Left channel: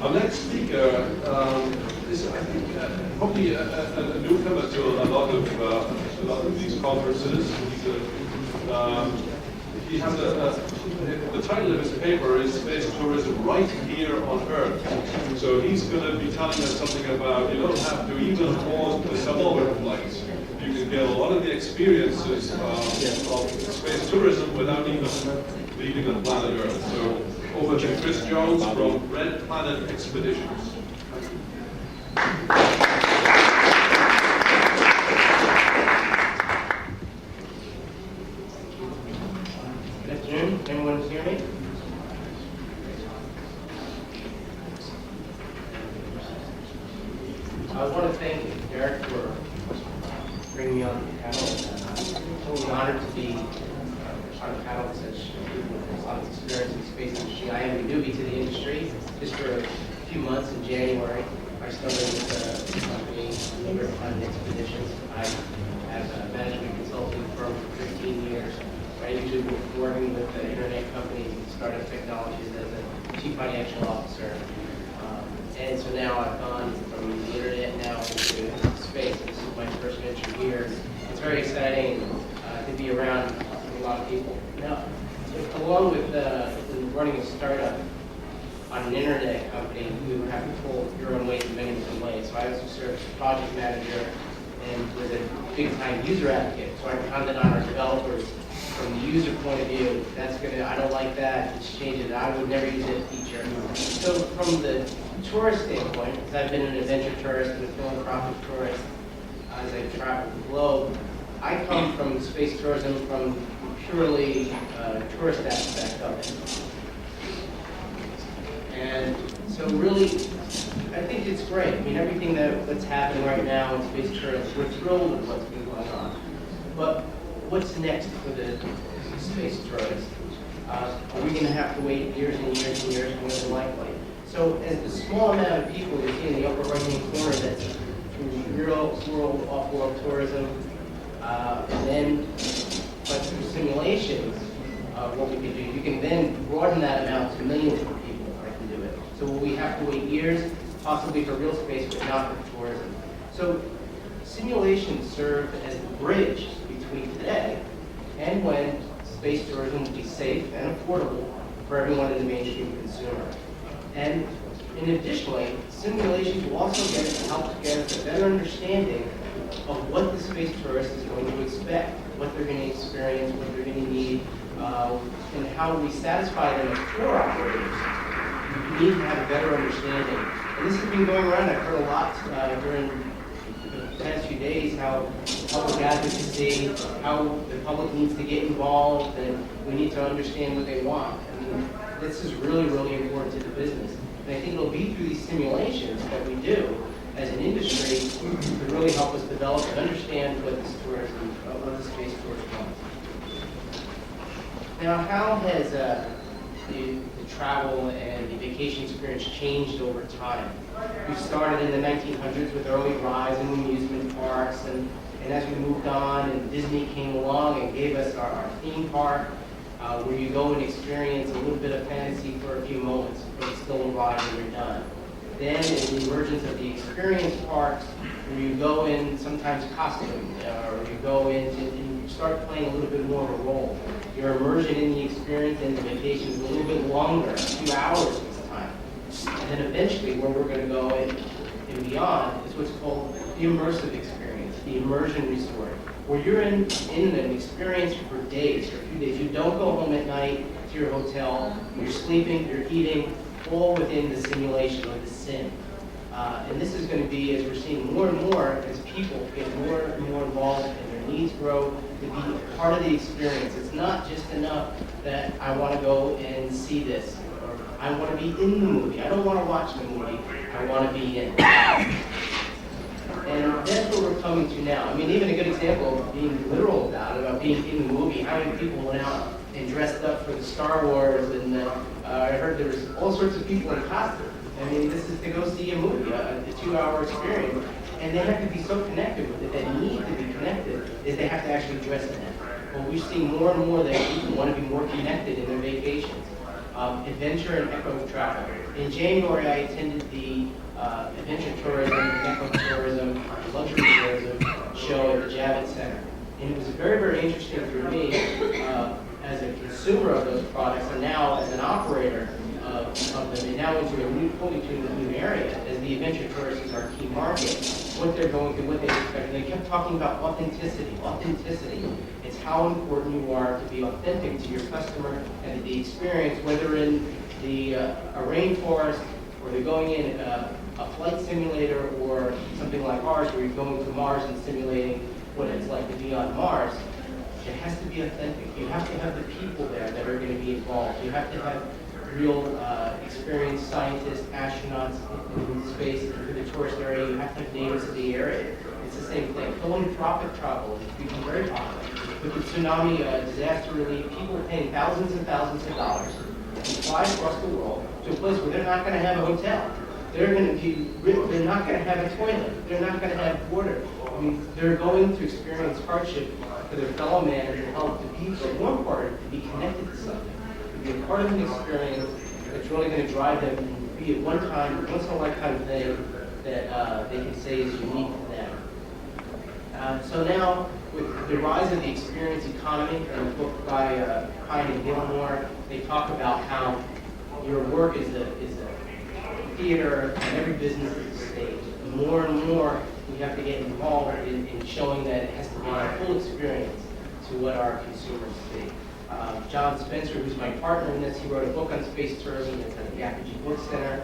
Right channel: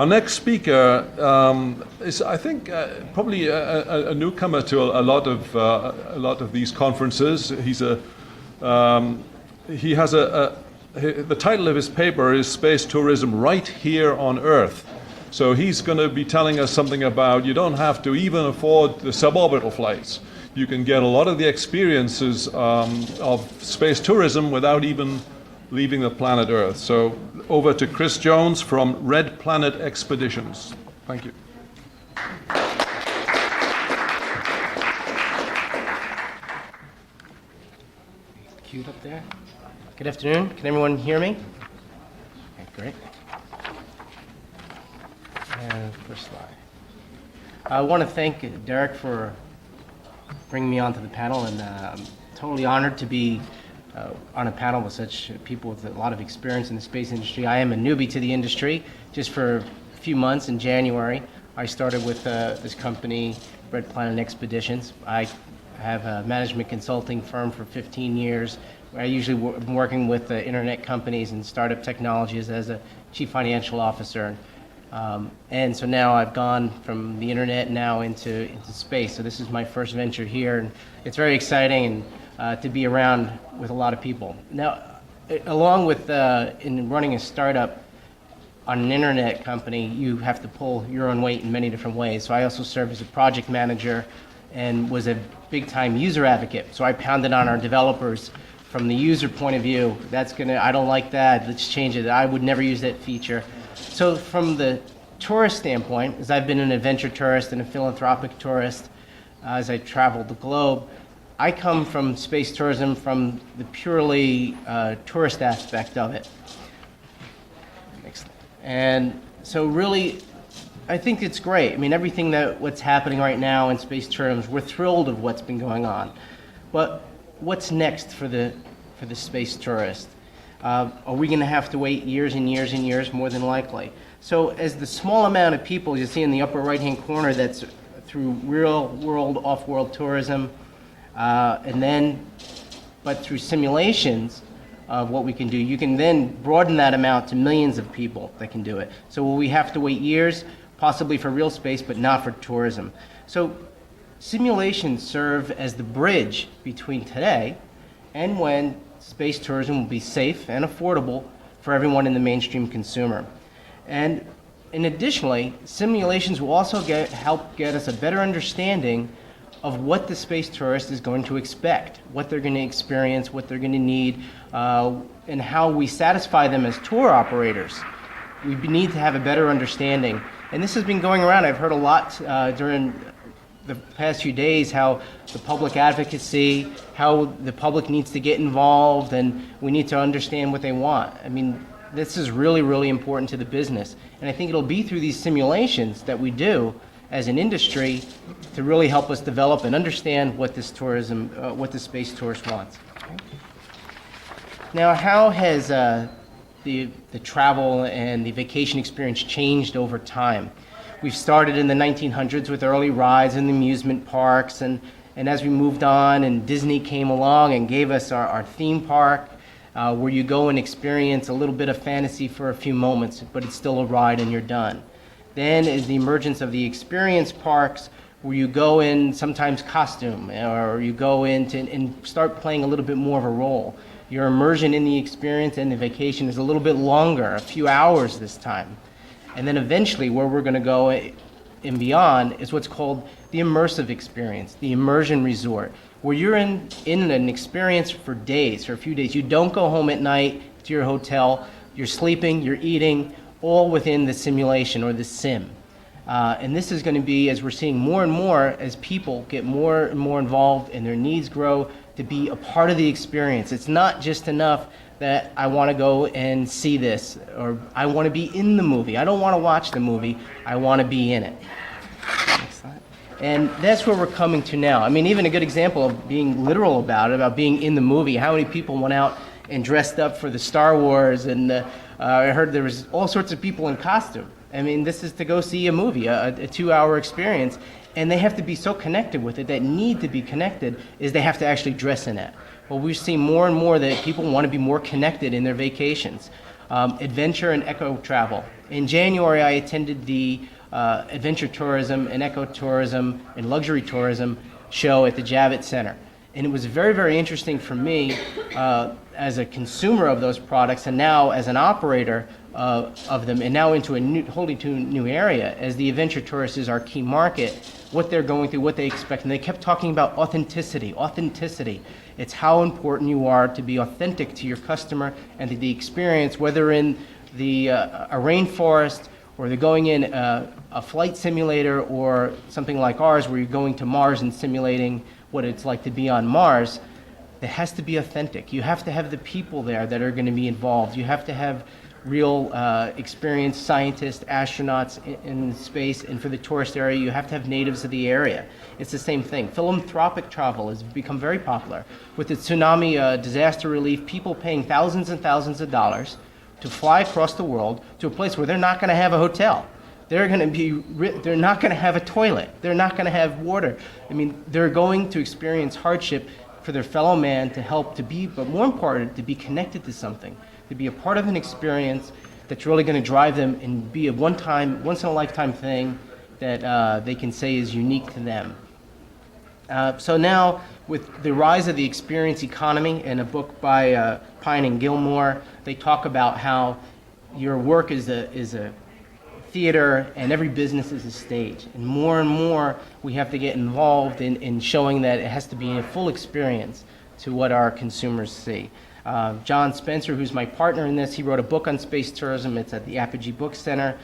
Our next speaker is, I think, probably a newcomer to a lot of these conferences. He has the title of his paper is Space Tourism Right Here on Earth. So he's going to be telling us something about you don't have to even afford the suborbital flights. You can get a lot of the experiences of space tourism without even leaving the planet Earth. So over to Chris Jones from Red Planet Expeditions. Thank you. Good afternoon. Can everyone hear me? Great. I want to thank Derek for bringing me onto the panel, and I'm totally honored to be on a panel with such people with a lot of experience in the space industry. I am a newbie to the industry, just for a few months. In January, I started with this company, Red Planet Expeditions. I have a management consulting firm for 15 years. I usually am working with internet companies and startup technologies as a chief financial officer. And so now I've gone from the internet now into space. So this is my first venture here. It's very exciting to be around with a lot of people. Now, along with in running a startup on an internet company, you have to pull your own weight in many different ways. So I also served as a project manager and was a big-time user advocate. So I pounded on our developers from the user point of view. I don't like that, let's change it. I would never use that feature. So from the tourist standpoint, as I've been an adventure tourist and a philanthropic tourist, as I traveled the globe, I come from space tourism from the purely tourist aspect of it. And so really, I think it's great. I mean, everything what's happening right now in space tourism, we're thrilled with what's been going on. But what's next for the space tourist? Are we going to have to wait years and years and years? More than likely. So as the small amount of people you see in the upper right-hand corner that's through real-world, off-world tourism, but through simulations of what we can do, you can then broaden that amount to millions of people that can do it. So will we have to wait years, possibly for real space, but not for tourism? So simulations serve as the bridge between today and when space tourism will be safe and affordable for everyone in the mainstream consumer. And additionally, simulations will also help get us a better understanding of what the space tourist is going to expect, what they're going to experience, what they're going to need, and how we satisfy them as tour operators. We need to have a better understanding. And this has been going around. I've heard a lot during the past few days how the public advocacy, how the public needs to get involved, and we need to understand what they want. I mean, this is really, really important to the business. And I think it'll be through these simulations that we do as an industry to really help us develop and understand what this tourism, what the space tourist wants. Now, how has the travel and the vacation experience changed over time? We've started in the 1900s with early rides and amusement parks, and as we moved on and Disney came along and gave us our theme park, where you go and experience a little bit of fantasy for a few moments, but it's still a ride and you're done. Then is the emergence of the experience parks, where you go in sometimes costume, or you go in and start playing a little bit more of a role. Your immersion in the experience and the vacation is a little bit longer, a few hours this time. And then eventually where we're going to go and beyond is what's called the immersive experience, the immersion resort, where you're in an experience for days, for a few days. You don't go home at night to your hotel. You're sleeping, you're eating, all within the simulation or the sim. And this is going to be, as we're seeing more and more, as people get more and more involved and their needs grow, to be a part of the experience. It's not just enough that I want to go and see this, or I want to be in the movie. I don't want to watch the movie, I want to be in it. And that's where we're coming to now. I mean, even a good example of being literal about being in the movie. How many people went out and dressed up for the Star Wars, and I heard there was all sorts of people in costume. I mean, this is to go see a movie, a 2-hour experience, and they have to be so connected with it. That need to be connected is they have to actually dress in it. Well, we've seen more and more that people want to be more connected in their vacations. adventure and eco travel. In January, I attended the adventure tourism and ecotourism and luxury tourism show at the Javits Center. And it was very, very interesting for me as a consumer of those products and now as an operator of them, and now into a wholly new area as the adventure tourist is our key market, what they're going through, what they expect. And they kept talking about authenticity, authenticity. It's how important you are to be authentic to your customer and to the experience, whether in a rainforest or they're going in a flight simulator or something like ours where you're going to Mars and simulating what it's like to be on Mars. It has to be authentic. You have to have the people there that are going to be involved. You have to have real experienced scientists, astronauts in space, and for the tourist area, you have to have natives of the area. It's the same thing. Philanthropic travel has become very popular. With the tsunami disaster relief, people paying thousands and thousands of dollars to fly across the world to a place where they're not going to have a hotel. They're not going to have a toilet. They're not going to have water. I mean, they're going to experience hardship for their fellow man to help to be, but more important, to be connected to something, to be a part of an experience that's really going to drive them and be a once in a lifetime thing that they can say is unique to them. So now, with the rise of the experience economy, in a book by Pine and Gilmore, they talk about how your work is a theater and every business is a stage. And more we have to get involved in showing that it has to be a full experience to what our consumers see. John Spencer, who's my partner in this, he wrote a book on space tourism. It's at the Apogee Book Center.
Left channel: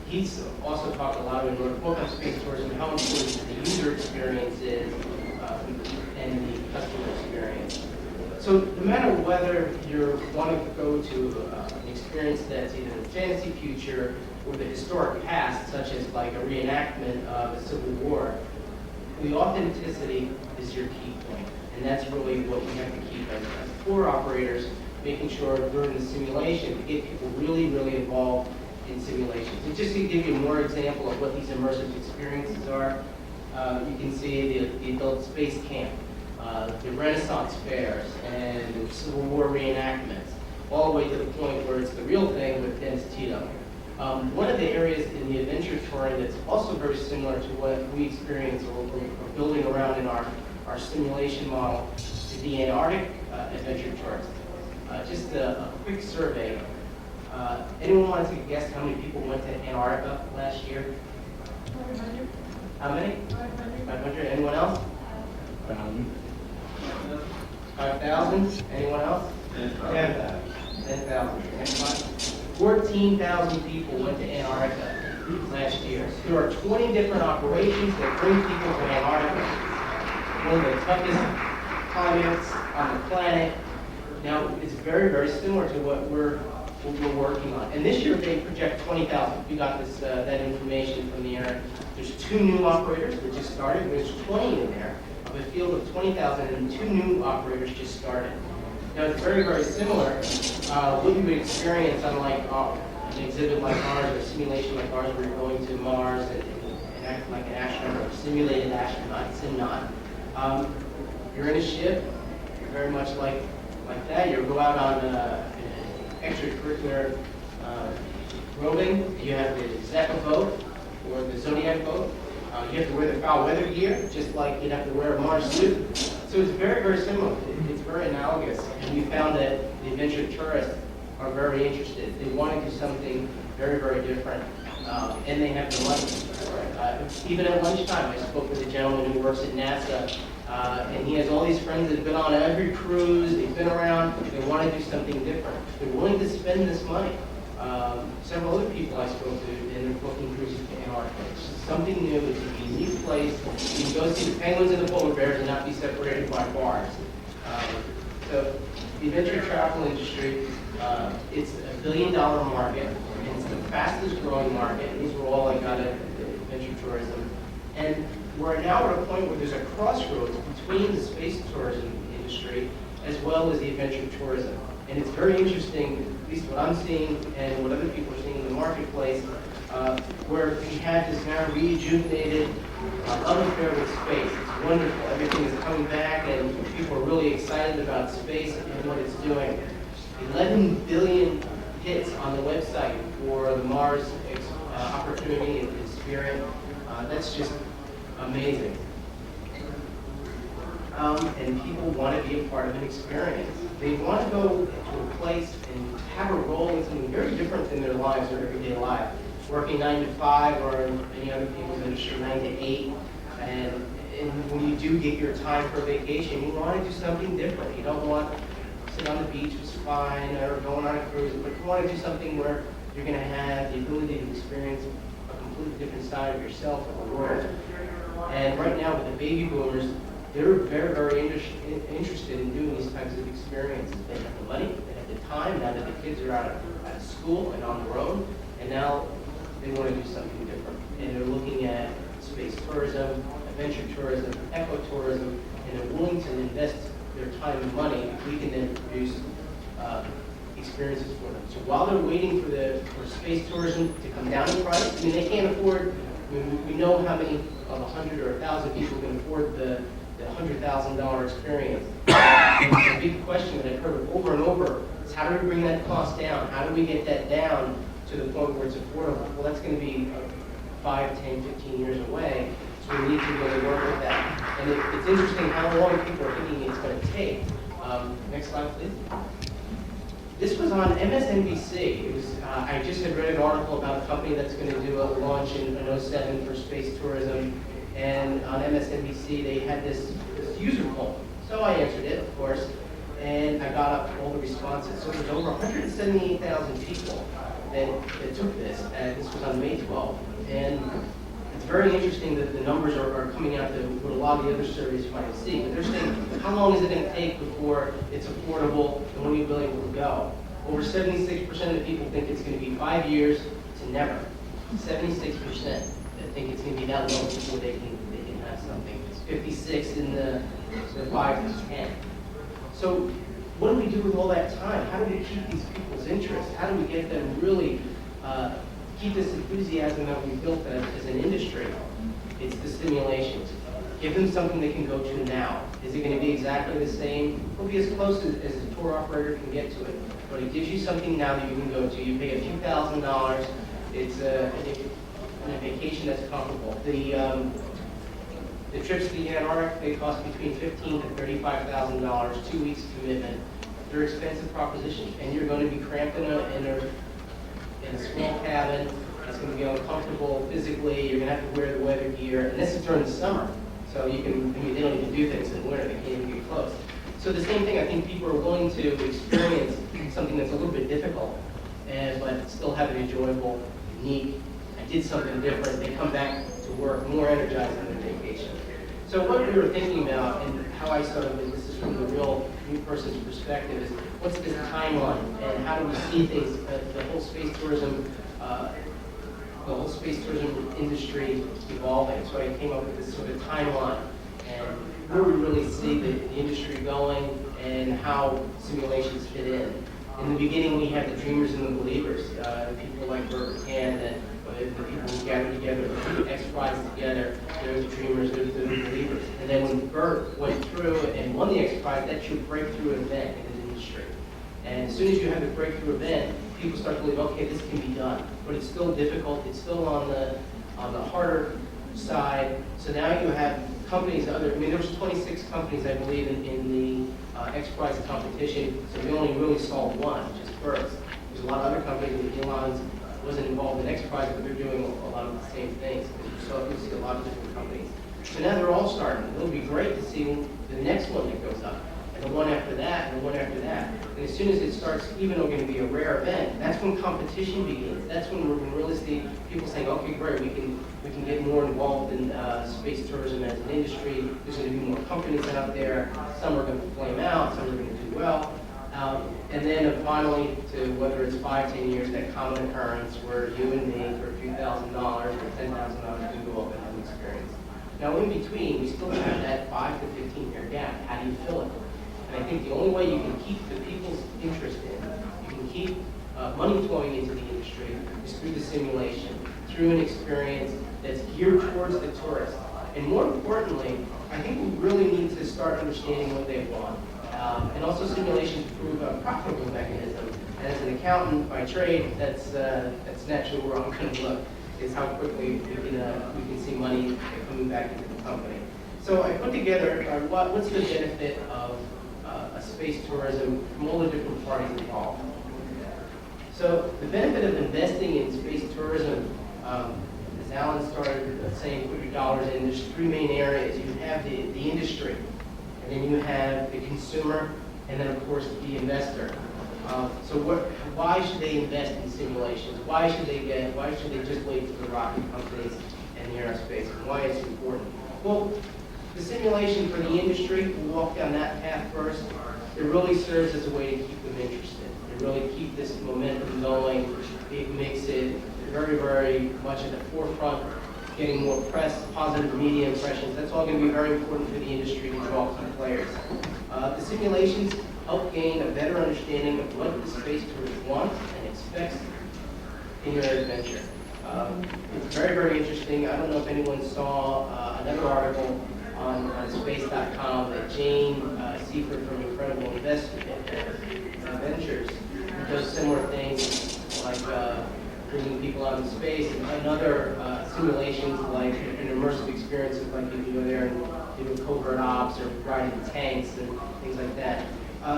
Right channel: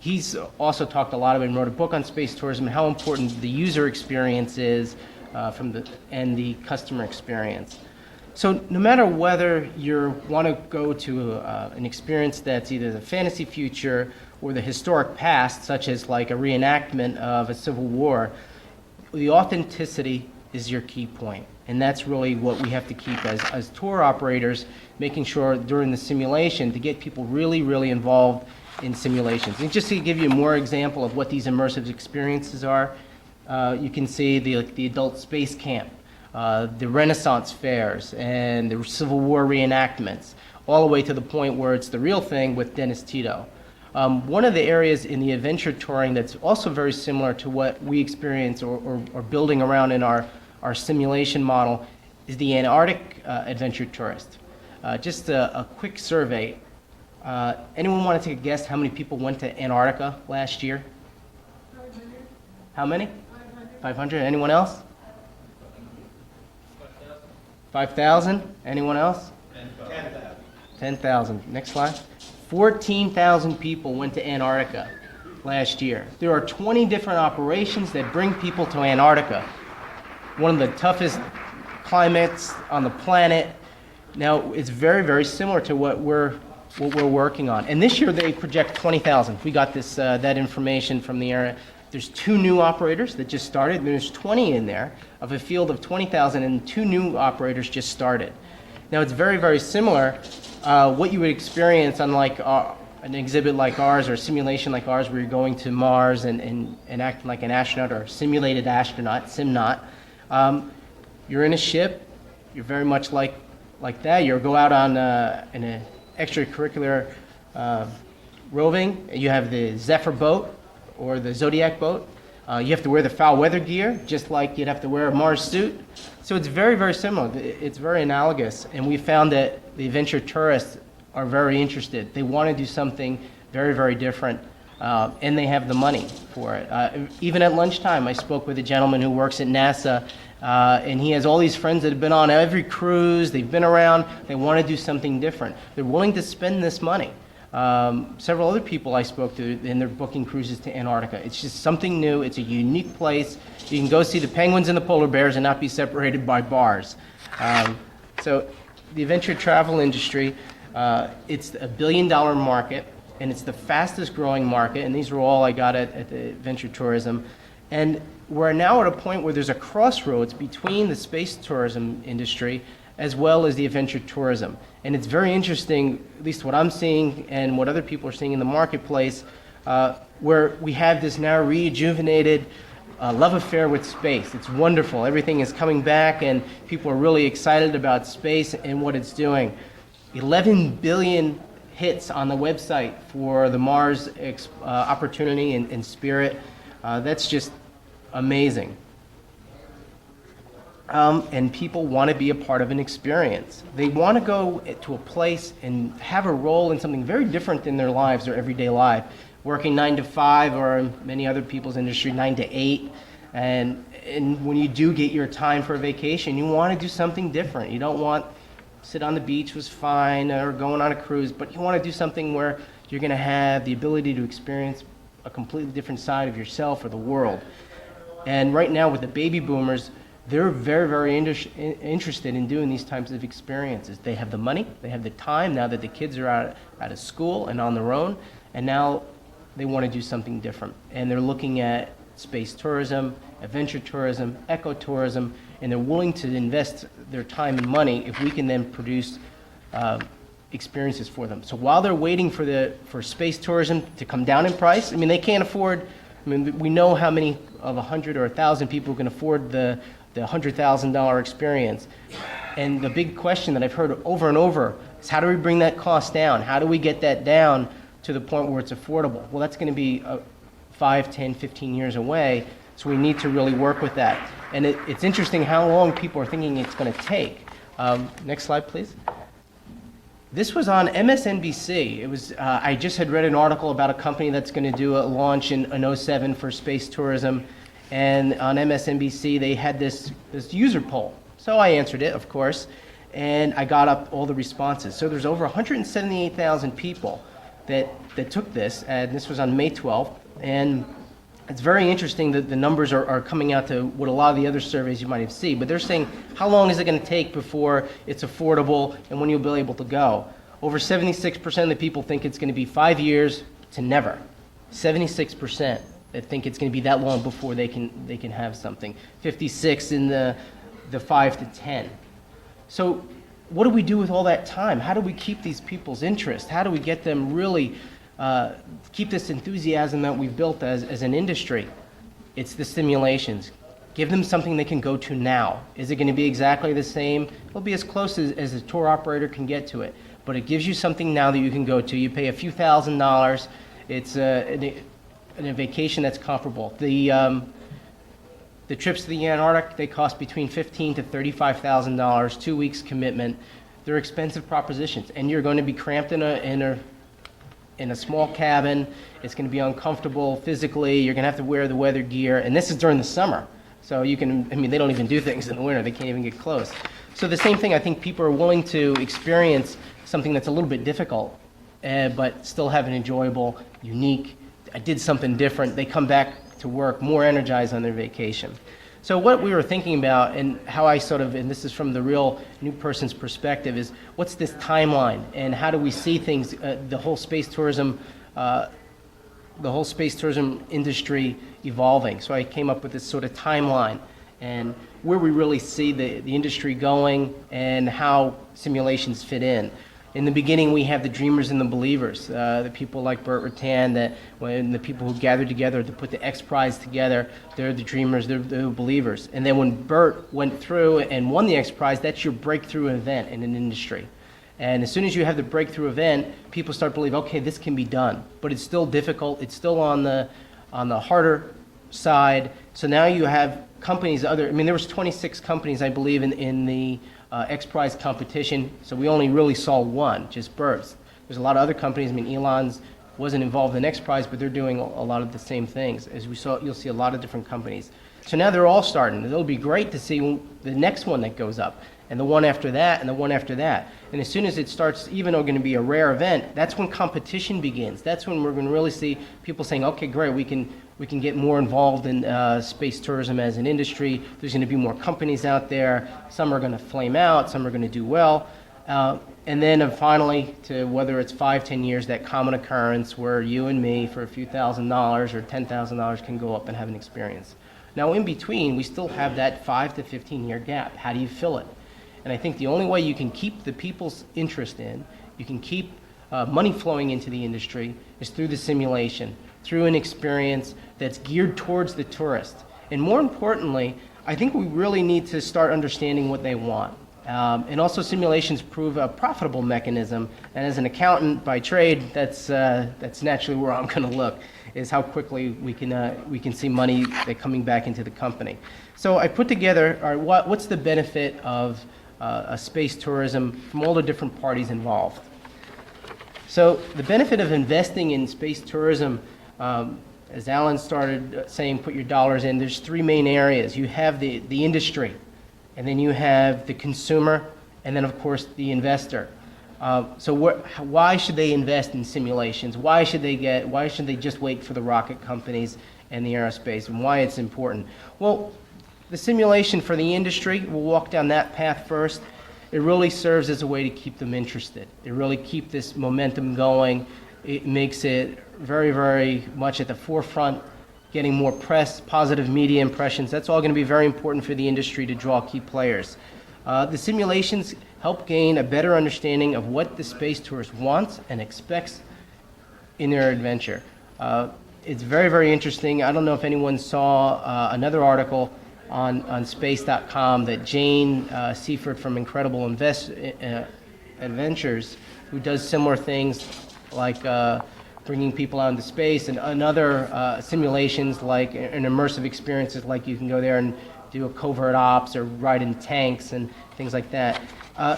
He's also talked a lot about and wrote a book on space tourism and how important the user experience is and the customer experience. So no matter whether you want to go to an experience that's either the fantasy future or the historic past, such as like a reenactment of a civil war, the authenticity is your key point. And that's really what we have to keep as tour operators, making sure during the simulation to get people really, really involved in simulations. And just to give you more example of what these immersive experiences are, you can see the adult space camp, the Renaissance fairs, and the Civil War reenactments, all the way to the point where it's the real thing with Dennis Tito. One of the areas in the adventure touring that's also very similar to what we experience or are building around in our simulation model is the Antarctic adventure tourist. Just a quick survey. Anyone want to take a guess how many people went to Antarctica last year? 500. How many? 500. Anyone else? 5,000. Anyone else? 10,000. 10,000. Next slide. 14,000 people went to Antarctica last year. There are 20 different operations that bring people to Antarctica, one of the toughest climates on the planet. Now, it's very, very similar to what we're working on. And this year they project 20,000. We got this that information from the area. There's 2 new operators that just started. There's 20 in there of a field of 20,000, and 2 new operators just started. Now it's very, very similar. What you would experience on like an exhibit like ours or a simulation like ours, where you're going to Mars and acting like an astronaut or a simulated astronaut, SimNaut. You're in a ship. You're very much like that. You go out on in an extracurricular roving. You have the Zephyr boat or the Zodiac boat. You have to wear the foul weather gear, just like you'd have to wear a Mars suit. So it's very, very similar. It's very analogous. And we found that the adventure tourists are very interested. They want to do something very, very different. And they have the money for it. Even at lunchtime, I spoke with a gentleman who works at NASA, and he has all these friends that have been on every cruise. They've been around. They want to do something different. They're willing to spend this money. Several other people I spoke to, and they're booking cruises to Antarctica. It's just something new. It's a unique place. You can go see the penguins and the polar bears and not be separated by bars. So the adventure travel industry, it's a $1 billion market, and it's the fastest growing market, and these are all I got at the adventure tourism. And we're now at a point where there's a crossroads between the space tourism industry as well as the adventure tourism. And it's very interesting, at least what I'm seeing and what other people are seeing in the marketplace, where we have this now rejuvenated love affair with space. It's wonderful. Everything is coming back, and people are really excited about space and what it's doing. 11 billion hits on the website for the Mars opportunity in Spirit. That's just amazing. And people want to be a part of an experience. They want to go to a place and have a role in something very different than their lives, their everyday life. Working 9 to 5, or in many other people's industry, 9 to 8. And when you do get your time for a vacation, you want to do something different. You don't want to sit on the beach was fine, or going on a cruise, but you want to do something where you're going to have the ability to experience a completely different side of yourself or the world. And right now with the baby boomers, they're very, very interested in doing these types of experiences. They have the money, they have the time, now that the kids are out of school and on their own, and now they want to do something different. And they're looking at space tourism, adventure tourism, ecotourism, and they're willing to invest their time and money if we can then produce experiences for them. So while they're waiting for space tourism to come down in price, I mean, they can't afford, I mean, we know how many of 100 or 1,000 people can afford the $100,000 experience. And the big question that I've heard over and over is, how do we bring that cost down? How do we get that down to the point where it's affordable? Well, that's going to be 5, 10, 15 years away, so we need to really work with that. And it's interesting how long people are thinking it's going to take. Next slide, please. This was on MSNBC. It was, I just had read an article about a company that's going to do a launch in 2007 for space tourism. And on MSNBC, they had this user poll. So I answered it, of course, and I got up all the responses. So there's over 178,000 people that took this, and this was on May 12th. And it's very interesting that the numbers are coming out to what a lot of the other surveys you might have seen. But they're saying, how long is it going to take before it's affordable and when you'll be able to go? Over 76% of the people think it's going to be 5 years to never. 76% that think it's going to be that long before they can have something. 56 in the 5 to 10. So what do we do with all that time? How do we keep these people's interest? How do we get them really keep this enthusiasm that we've built as an industry? It's the simulations. Give them something they can go to now. Is it going to be exactly the same? It'll be as close as a tour operator can get to it. But it gives you something now that you can go to. You pay a few $1,000s. It's a vacation that's comparable. The trips to the Antarctic, they cost between $15,000 to $35,000, 2 weeks commitment. They're expensive propositions, and you're going to be cramped in a small cabin. It's going to be uncomfortable physically. You're going to have to wear the weather gear, and this is during the summer. So you can, I mean, they don't even do things in the winter. They can't even get close. So the same thing, I think people are willing to experience something that's a little bit difficult, but still have an enjoyable, unique, I did something different. They come back to work more energized on their vacation. So what we were thinking about, and how I sort of, and this is from the real new person's perspective, is what's this timeline, and how do we see things, the whole space tourism industry evolving. So I came up with this sort of timeline, and where we really see the industry going, and how simulations fit in. In the beginning, we have the dreamers and the believers, the people like Burt Rutan, that when the people who gathered together to put the X Prize together, they're the dreamers, they're the believers. And then when Burt went through and won the X Prize, that's your breakthrough event in an industry. And as soon as you have the breakthrough event, people start to believe, okay, this can be done. But it's still difficult, it's still on the harder side. So now you have companies, I mean, there was 26 companies, I believe, in the X Prize competition, so we only really saw one, just Burt's. There's a lot of other companies. I mean, Elon's wasn't involved in X Prize, but they're doing a lot of the same things. As we saw, you'll see a lot of different companies. So now they're all starting. It'll be great to see the next one that goes up, and the one after that, and the one after that. And as soon as it starts, even though it's going to be a rare event, that's when competition begins. That's when we're going to really see people saying, okay, great, we can get more involved in space tourism as an industry. There's going to be more companies out there. Some are going to flame out, some are going to do well. And then finally, to whether it's 5, 10 years, that common occurrence where you and me, for a few $1,000s or $10,000, can go up and have an experience. Now, in between, we still have that 5 to 15-year gap. How do you fill it? And I think the only way you can keep the people's interest in, you can keep money flowing into the industry, is through the simulation, through an experience that's geared towards the tourist. And more importantly, I think we really need to start understanding what they want. And also simulations prove a profitable mechanism. And as an accountant by trade, that's naturally where I'm going to look, is how quickly we can see money coming back into the company. So I put together what's the benefit of a space tourism from all the different parties involved. So the benefit of investing in space tourism, as Alan started saying, put your dollars in, there's three main areas. You have the industry, and then you have the consumer, and then of course the investor. So why should they invest in simulations? Why should they just wait for the rocket companies and the aerospace, and why it's important? Well, the simulation for the industry, we'll walk down that path first. It really serves as a way to keep them interested. It really keeps this momentum going. It makes it very, very much at the forefront, getting more press, positive media impressions. That's all going to be very important for the industry to draw key players. The simulations help gain a better understanding of what the space tourist wants and expects in their adventure. It's very, very interesting. I don't know if anyone saw another article on space.com that Jane Seifert from Incredible Adventures, who does similar things like bringing people out into space and other simulations like and immersive experiences, like you can go there and do a covert ops or ride in tanks and things like that.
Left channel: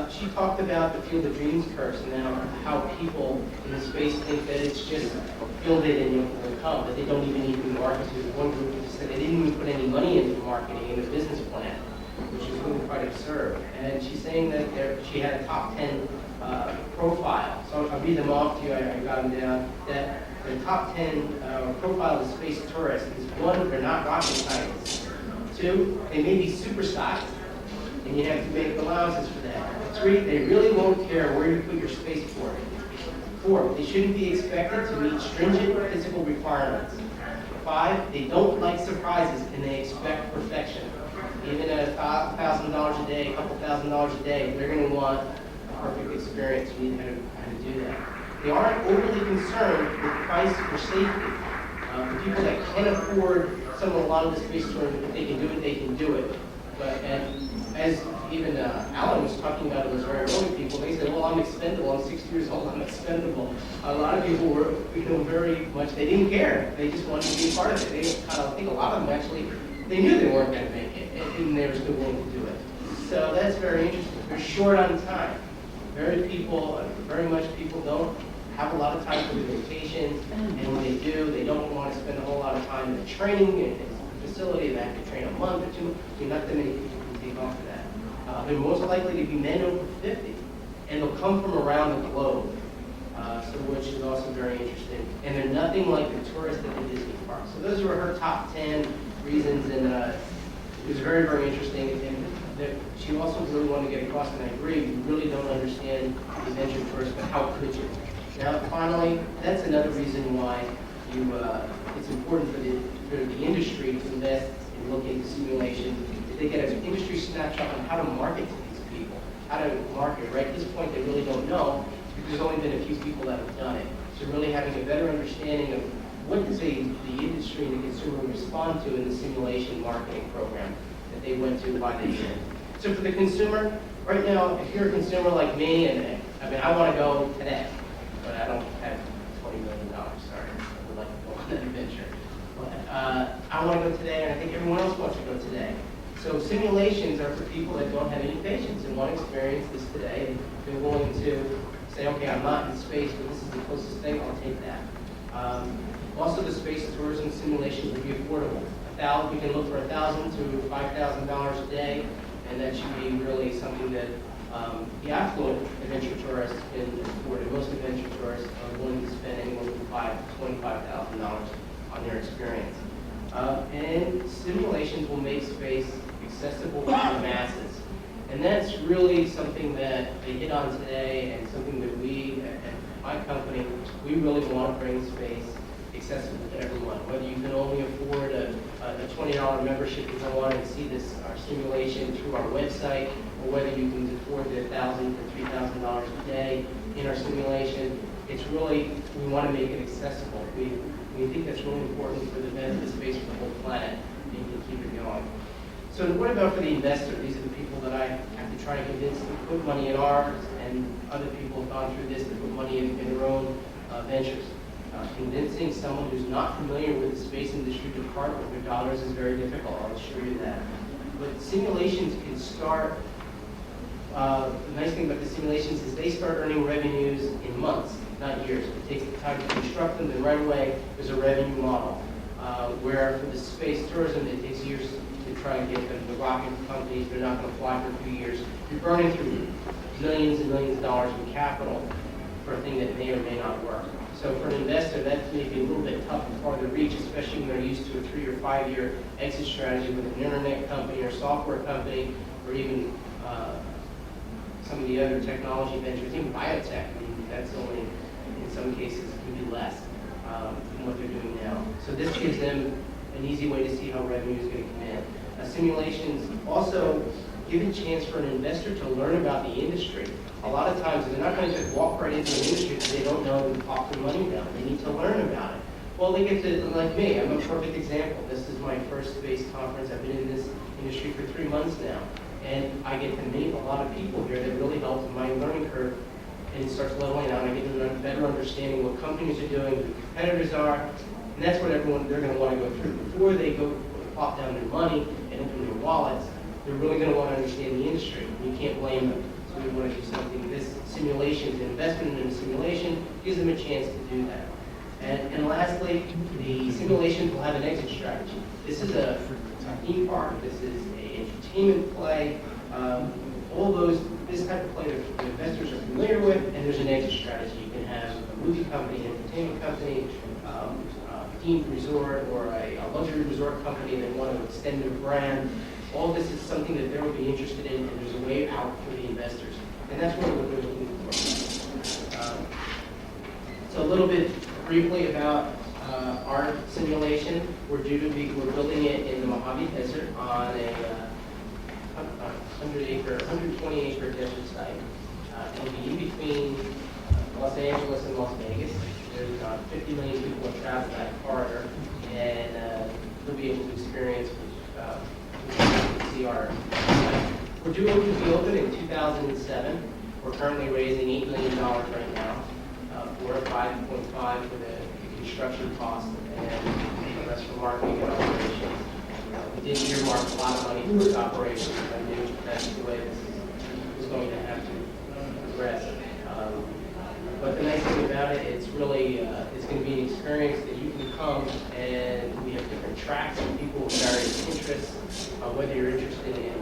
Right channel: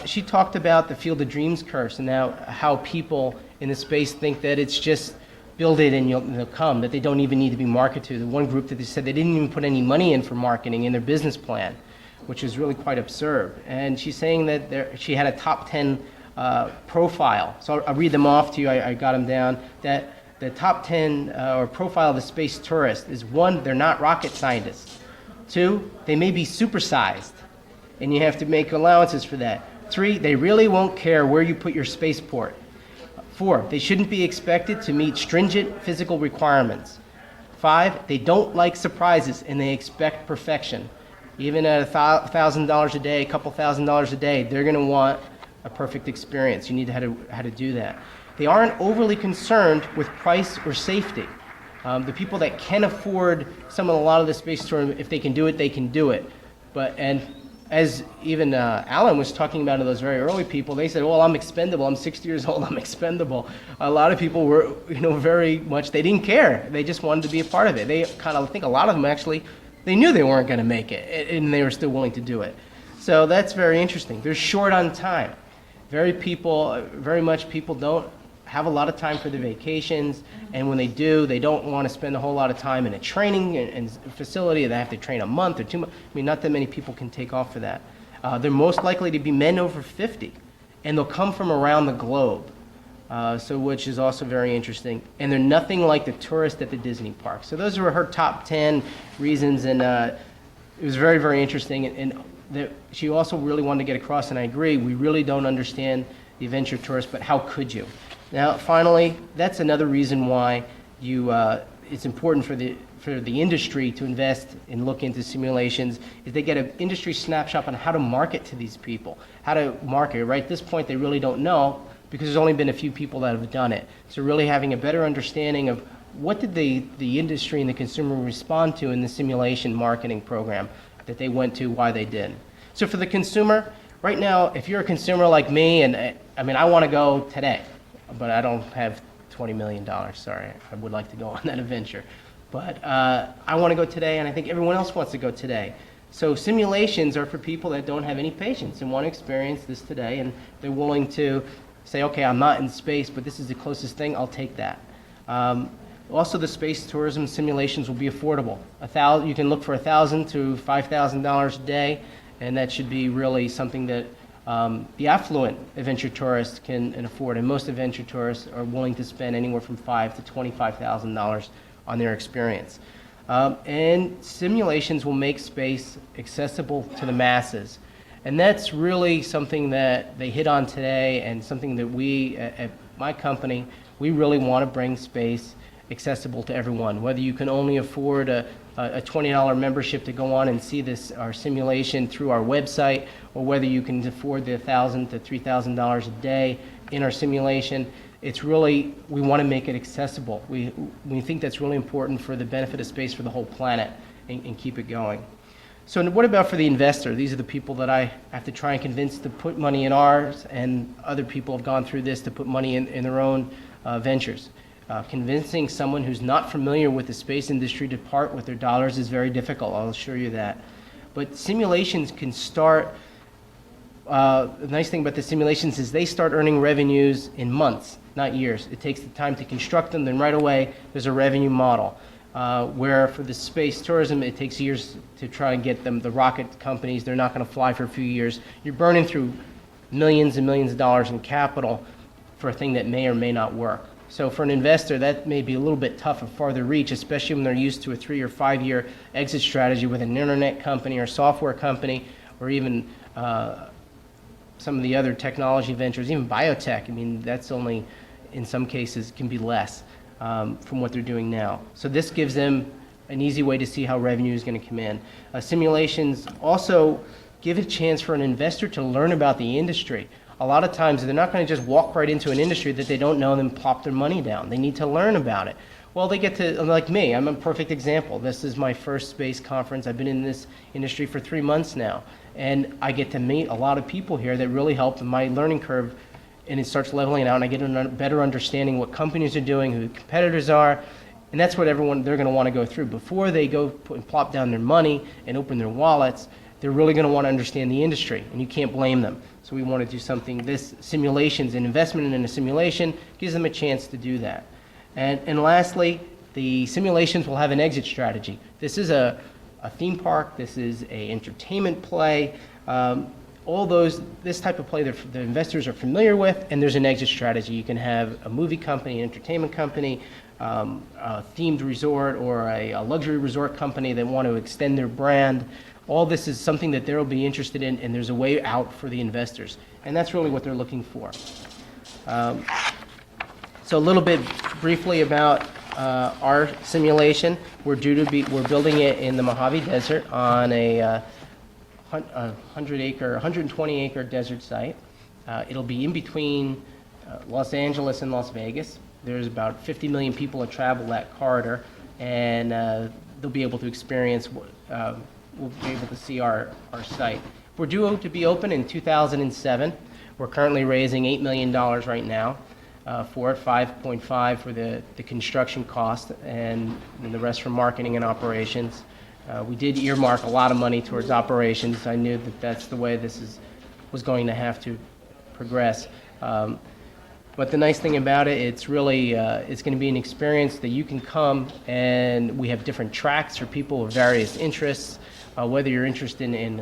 She talked about the Field of Dreams curse and now how people in the space think that it's just build it and you'll come, that they don't even need to be marketed to. The one group that they said they didn't even put any money in for marketing in their business plan, which is really quite absurd. And she's saying that she had a top 10 profile. So I'll read them off to you. I got them down. That the top 10 profile of the space tourist is: 1, they're not rocket scientists. 2, they may be supersized, and you have to make allowances for that. 3, they really won't care where you put your spaceport. 4, they shouldn't be expected to meet stringent physical requirements. 5, they don't like surprises and they expect perfection. Even at $1,000 a day, a couple $1,000 a day, they're going to want a perfect experience. You need how to do that. They aren't overly concerned with price or safety. The people that can afford a lot of the space tourism, if they can do it, they can do it. And as even Alan was talking about to those very early people, they said, well, I'm expendable. I'm 60 years old. I'm expendable. A lot of people were, very much, they didn't care. They just wanted to be a part of it. They kind of, I think a lot of them actually, they knew they weren't going to make it, and they were still willing to do it. So that's very interesting. They're short on time. Very much people don't have a lot of time for the vacations, and when they do, they don't want to spend a whole lot of time in a training and facility. They have to train a month or 2 months. I mean, not that many people can take off for that. They're most likely to be men over 50, and they'll come from around the globe, which is also very interesting. And they're nothing like the tourists at the Disney park. So those were her top 10 reasons, and it was very, very interesting. And she also really wanted to get across, and I agree, we really don't understand the adventure tourist, but how could you? Now, finally, that's another reason why it's important for the industry to invest and look into simulations, is they get an industry snapshot on how to market to these people, how to market. Right at this point, they really don't know because there's only been a few people that have done it. So really having a better understanding of what did the industry and the consumer respond to in the simulation marketing program that they went to, why they did. So for the consumer, right now, if you're a consumer like me, and I want to go today, but I don't have $20 million, sorry. I would like to go on that adventure. But I want to go today, and I think everyone else wants to go today. So simulations are for people that don't have any patience and want to experience this today, and they're willing to say, okay, I'm not in space, but this is the closest thing, I'll take that. Also, the space tourism simulations will be affordable. You can look for $1,000 to $5,000 a day, and that should be really something that the affluent adventure tourists can afford, and most adventure tourists are willing to spend anywhere from $5,000 to $25,000 on their experience. And simulations will make space accessible to the masses. And that's really something that they hit on today, and something that we, at my company, we really want to bring space accessible to everyone. Whether you can only afford a $20 membership to go on and see our simulation through our website, or whether you can afford the $1,000 to $3,000 a day in our simulation, it's really, we want to make it accessible. We think that's really important for the benefit of space for the whole planet, and keep it going. So what about for the investor? These are the people that I have to try and convince to put money in ours, and other people have gone through this to put money in their own ventures. Convincing someone who's not familiar with the space industry to part with their dollars is very difficult, I'll assure you that. But simulations can start, the nice thing about the simulations is they start earning revenues in months, not years. It takes the time to construct them, then right away there's a revenue model. Where for the space tourism, it takes years to try and get them, the rocket companies, they're not going to fly for a few years. You're burning through millions and millions of dollars in capital for a thing that may or may not work. So for an investor, that may be a little bit tough or farther reach, especially when they're used to a 3 or 5 year exit strategy with an internet company or software company, or even some of the other technology ventures, even biotech. I mean, that's only, in some cases, can be less from what they're doing now. So this gives them an easy way to see how revenue is going to come in. Simulations also give a chance for an investor to learn about the industry. A lot of times they're not going to just walk right into an industry that they don't know and then plop their money down. They need to learn about it. Well, they get to, like me, I'm a perfect example. This is my first space conference. I've been in this industry for 3 months now. And I get to meet a lot of people here that really helped my learning curve, and it starts leveling out, and I get a better understanding what companies are doing, who the competitors are, and that's what they're going to want to go through. Before they go and plop down their money and open their wallets, they're really going to want to understand the industry, and you can't blame them. So we want to do something, this simulations, an investment in a simulation gives them a chance to do that. And lastly, the simulations will have an exit strategy. This is a theme park, this is an entertainment play, all those, this type of play the investors are familiar with, and there's an exit strategy. You can have a movie company, an entertainment company, a themed resort, or a luxury resort company that want to extend their brand. All this is something that they'll be interested in, and there's a way out for the investors. And that's really what they're looking for. So a little bit briefly about our simulation. We're building it in the Mojave Desert on a 120 acre desert site. It'll be in between Los Angeles and Las Vegas. There's about 50 million people that travel that corridor, and they'll be able to experience, we'll be able to see our site. We're due to be open in 2007. We're currently raising $8 million right now for it, 5.5 for the construction cost, and the rest for marketing and operations. We did earmark a lot of money towards operations. I knew that that's the way this was going to have to progress. But the nice thing about it, it's really, it's going to be an experience that you can come, and we have different tracks for people with various interests, whether you're interested in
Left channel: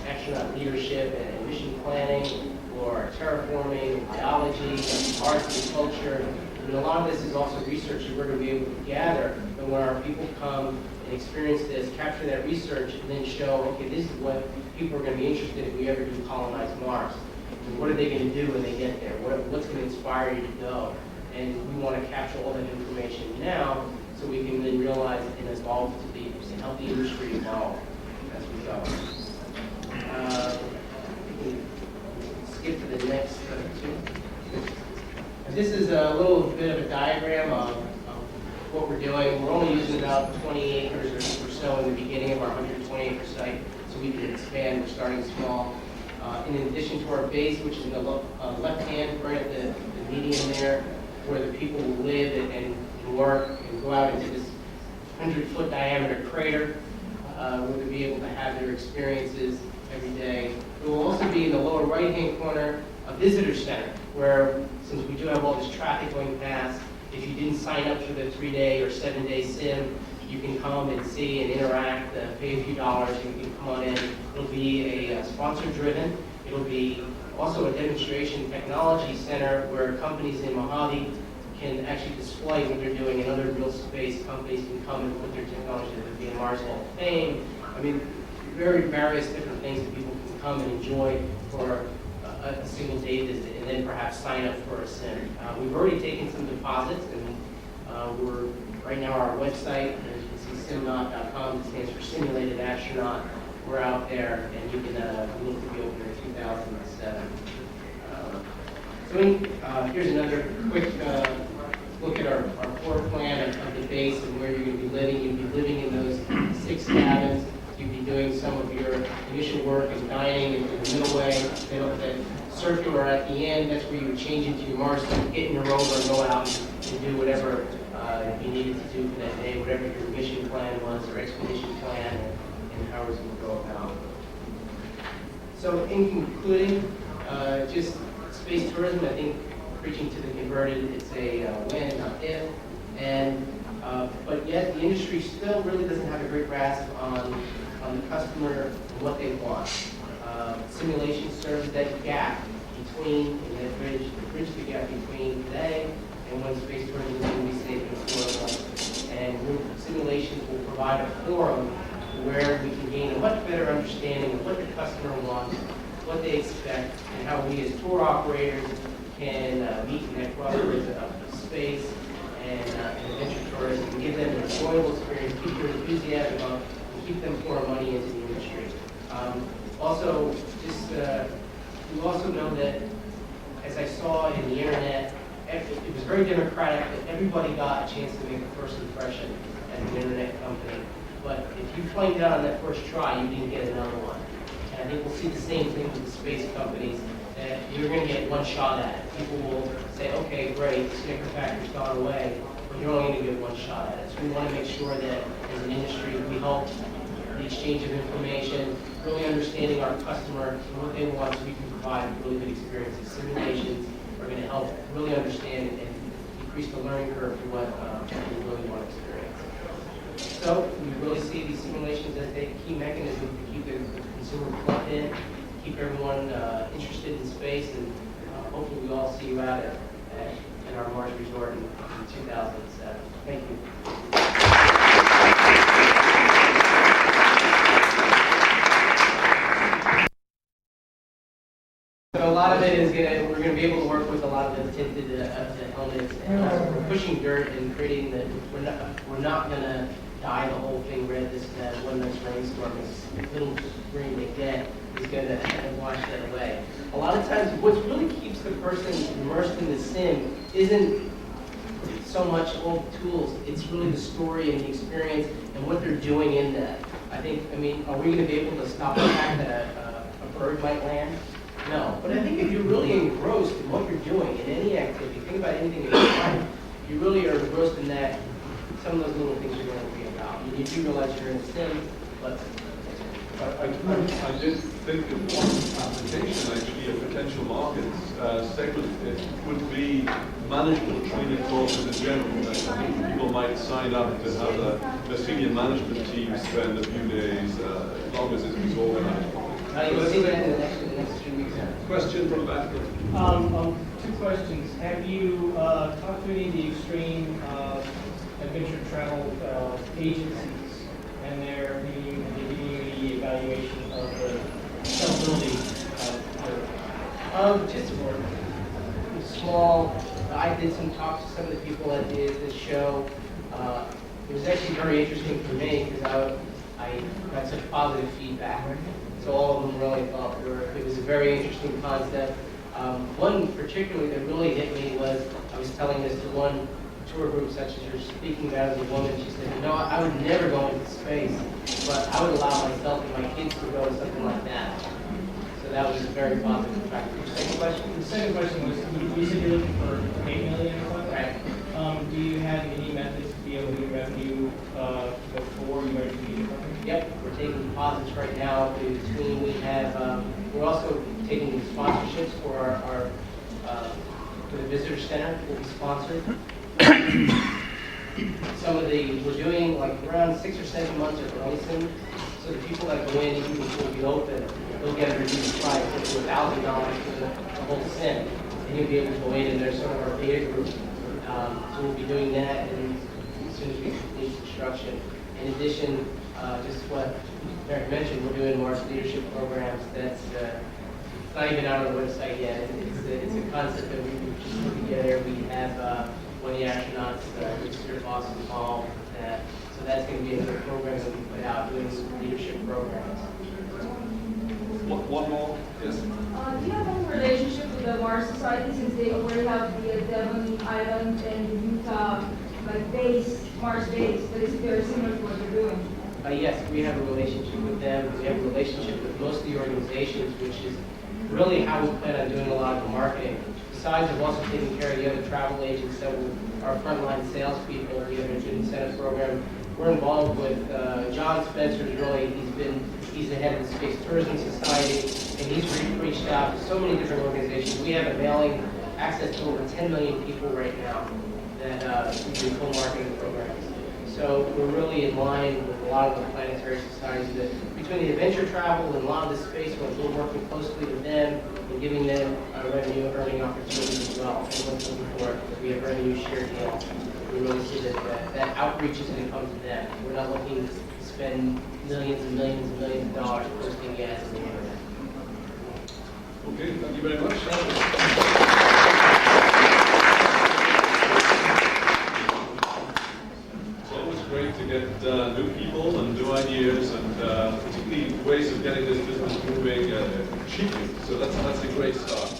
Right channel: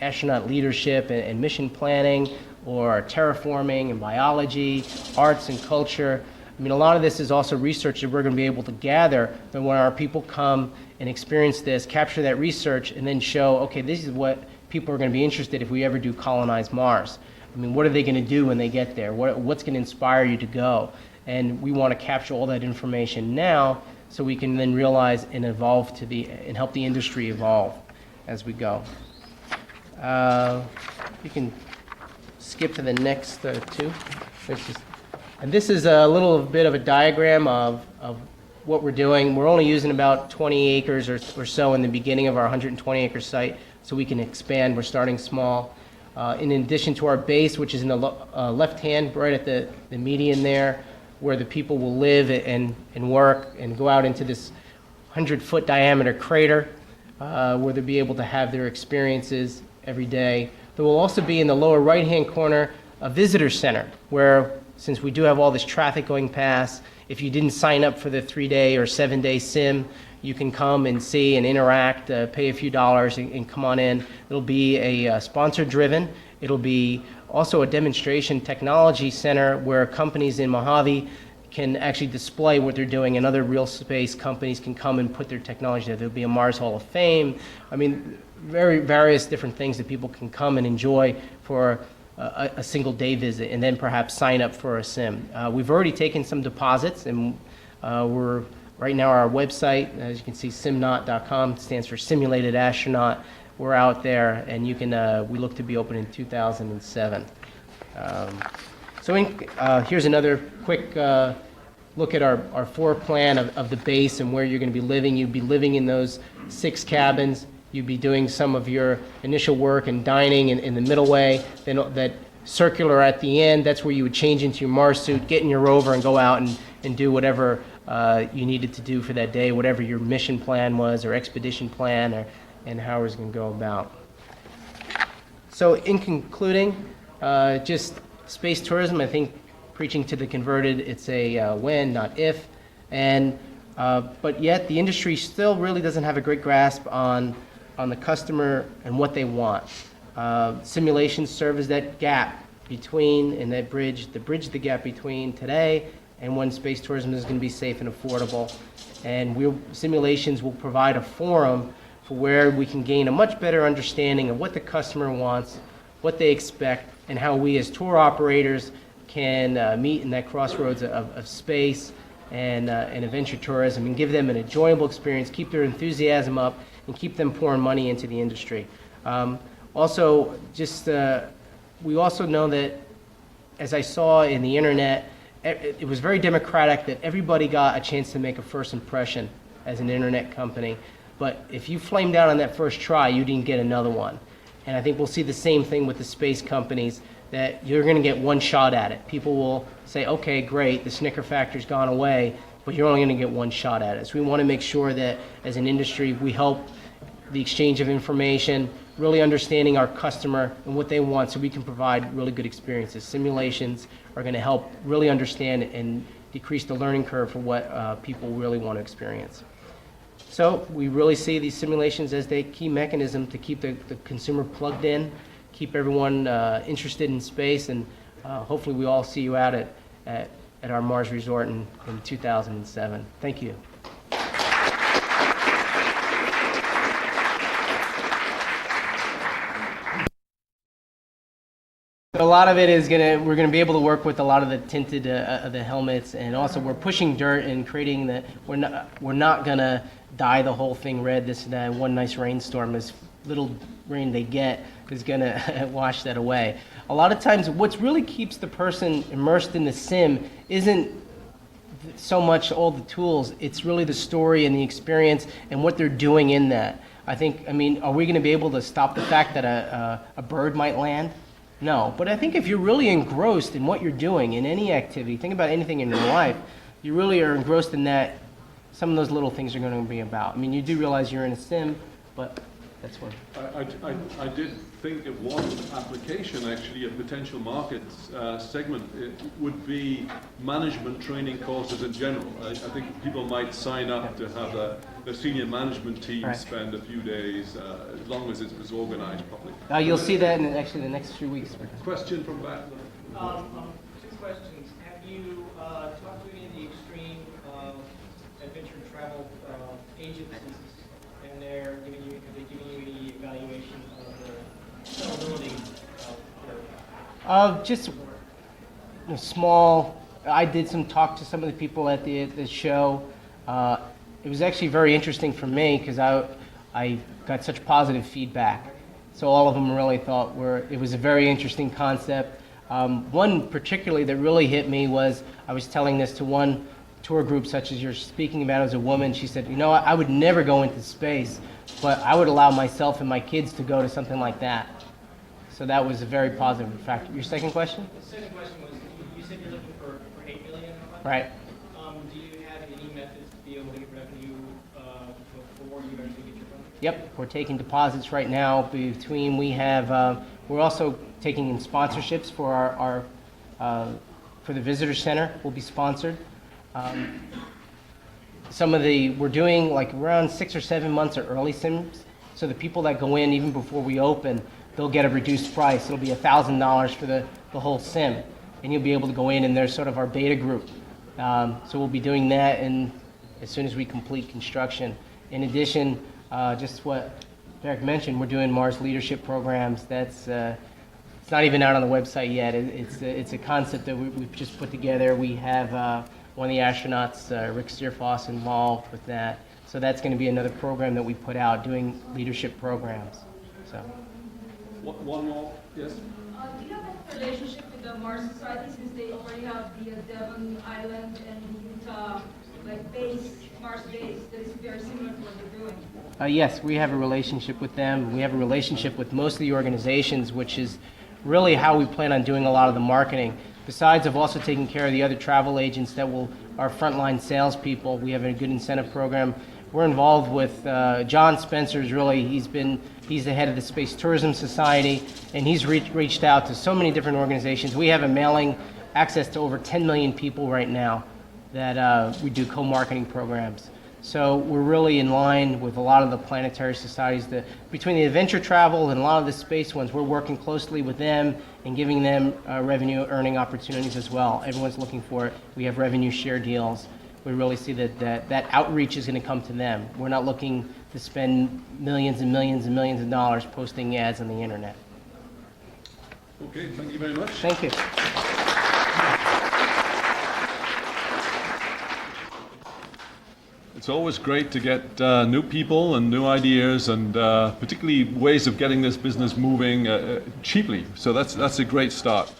astronaut leadership and mission planning, or terraforming and biology, arts and culture. I mean, a lot of this is also research that we're going to be able to gather, but when our people come and experience this, capture that research, and then show, okay, this is what people are going to be interested if we ever do colonize Mars. I mean, what are they going to do when they get there? What's going to inspire you to go? And we want to capture all that information now so we can then realize and evolve and help the industry evolve as we go. You can skip to the next two. And this is a little bit of a diagram of what we're doing. We're only using about 20 acres or so in the beginning of our 120 acre site, so we can expand. We're starting small. In addition to our base, which is in the left hand, right at the median there, where the people will live and work and go out into this 100-foot diameter crater, where they'll be able to have their experiences every day. There will also be in the lower right-hand corner a visitor center, where, since we do have all this traffic going past, if you didn't sign up for the 3-day or 7-day sim, you can come and see and interact, pay a few dollars and come on in. It'll be a sponsor-driven. It'll be also a demonstration technology center where companies in Mojave can actually display what they're doing, and other real space companies can come and put their technology there. There'll be a Mars Hall of Fame. I mean, various different things that people can come and enjoy for a single day visit, and then perhaps sign up for a sim. We've already taken some deposits, and we're right now our website, as you can see, simnaut.com, stands for Simulated Astronaut. We're out there, and you can. We look to be open in 2007. Here's another quick look at our floor plan of the base and where you're going to be living. You'll be living in those 6 cabins. you'd be doing some of your initial work and dining in the middle way, then that circular at the end, that's where you would change into your Mars suit, get in your rover, and go out and do whatever you needed to do for that day, whatever your mission plan was or expedition plan, and how it was going to go about. So in concluding, just space tourism, I think preaching to the converted, it's a when, not if, but yet the industry still really doesn't have a great grasp on the customer and what they want. Simulations serve as that gap between, and that bridge the gap between today and when space tourism is going to be safe and affordable. And simulations will provide a forum for where we can gain a much better understanding of what the customer wants, what they expect, and how we as tour operators can meet in that crossroads of space and adventure tourism and give them an enjoyable experience, keep their enthusiasm up, and keep them pouring money into the industry. Also, we also know that, as I saw in the internet, it was very democratic that everybody got a chance to make a first impression as an internet company. But if you flamed out on that first try, you didn't get another one. And I think we'll see the same thing with the space companies, that you're going to get one shot at it. People will say, okay, great, the snicker factor's gone away, but you're only going to get one shot at it. So we want to make sure that as an industry, we help the exchange of information, really understanding our customer and what they want so we can provide really good experiences. Simulations are going to help really understand and decrease the learning curve for what people really want to experience. So we really see these simulations as the key mechanism to keep the consumer plugged in, keep everyone interested in space, and hopefully we all see you at our Mars Resort in 2007. Thank you. But a lot of it is we're gonna be able to work with a lot of the tinted the helmets, and also we're pushing dirt and creating we're not gonna dye the whole thing red. This one nice rainstorm, as little rain they get, is gonna wash that away. A lot of times, what really keeps the person immersed in the sim isn't so much all the tools. It's really the story and the experience and what they're doing in that. I mean, are we gonna be able to stop the fact that a bird might land? No, but I think if you're really engrossed in what you're doing in any activity, think about anything in your life, you really are engrossed in that, some of those little things are going to be about. I mean, you do realize you're in a sim, but that's what. I did think of one application, actually, a potential market segment. It would be management training courses in general. I think people might sign up as other senior management teams, spend a few days, as long as it's organized. You'll see that in the next few weeks. Question from Vatican. Two questions. Have you talked to any of the extreme adventure travel agencies, and they're giving you the evaluation of the sellability Just small. I did some talk to some of the people at the show. It was actually very interesting for me because I got such positive feedback. So all of them really thought it was a very interesting concept. One particularly that really hit me was, I was telling this to one tour group such as you're speaking about as a woman. She said, I would never go into space, but I would allow myself and my kids to go to something like that. So that was a very positive fact. Your second question? The second question was, you said you're looking for $8 million. Right. Do you have any methods to be able to get revenue before you are to meet? Yep, we're taking deposits right now. We're also taking sponsorships for our for the visitor center. Will be sponsored. We're doing like around 6 or 7 months of early sims, so the people that go in even before we open, they'll get a reduced price. It'll be $1,000 for the whole sim, and you'll be able to go in, and they're sort of our beta group. So we'll be doing that, and as soon as we complete construction. In addition, just what Eric mentioned, we're doing Mars leadership programs. That's it's not even out on the website yet. It's a concept that we've just put together. We have one of the astronauts, Rick Steerfoss, involved with that. So that's going to be another program that we put out, doing leadership programs. So. One more, yes. Do you have any relationship with the Mars Society, since they already have the Devon Island and Utah, like base, Mars base, that is very similar to what you're doing? Yes, we have a relationship with them. We have a relationship with most of the organizations, which is really how we plan on doing a lot of the marketing. Besides of also taking care of the other travel agents that will, our frontline salespeople, we have a good incentive program. We're involved with John Spencer's really, he's the head of the Space Tourism Society, and he's reached out to so many different organizations. We have a mailing access to over 10 million people right now that we do co-marketing programs. So we're really in line with a lot of the planetary societies that, between the adventure travel and a lot of the space ones, we're working closely with them and giving them revenue earning opportunities as well. Everyone's looking for it. We have revenue share deals. We really see that outreach is going to come to them. We're not looking to spend millions and millions and millions of dollars posting ads on the internet. Okay, thank you very much. Thank you. It's always great to get new people and new ideas, and particularly ways of getting this business moving cheaply. So that's a great start.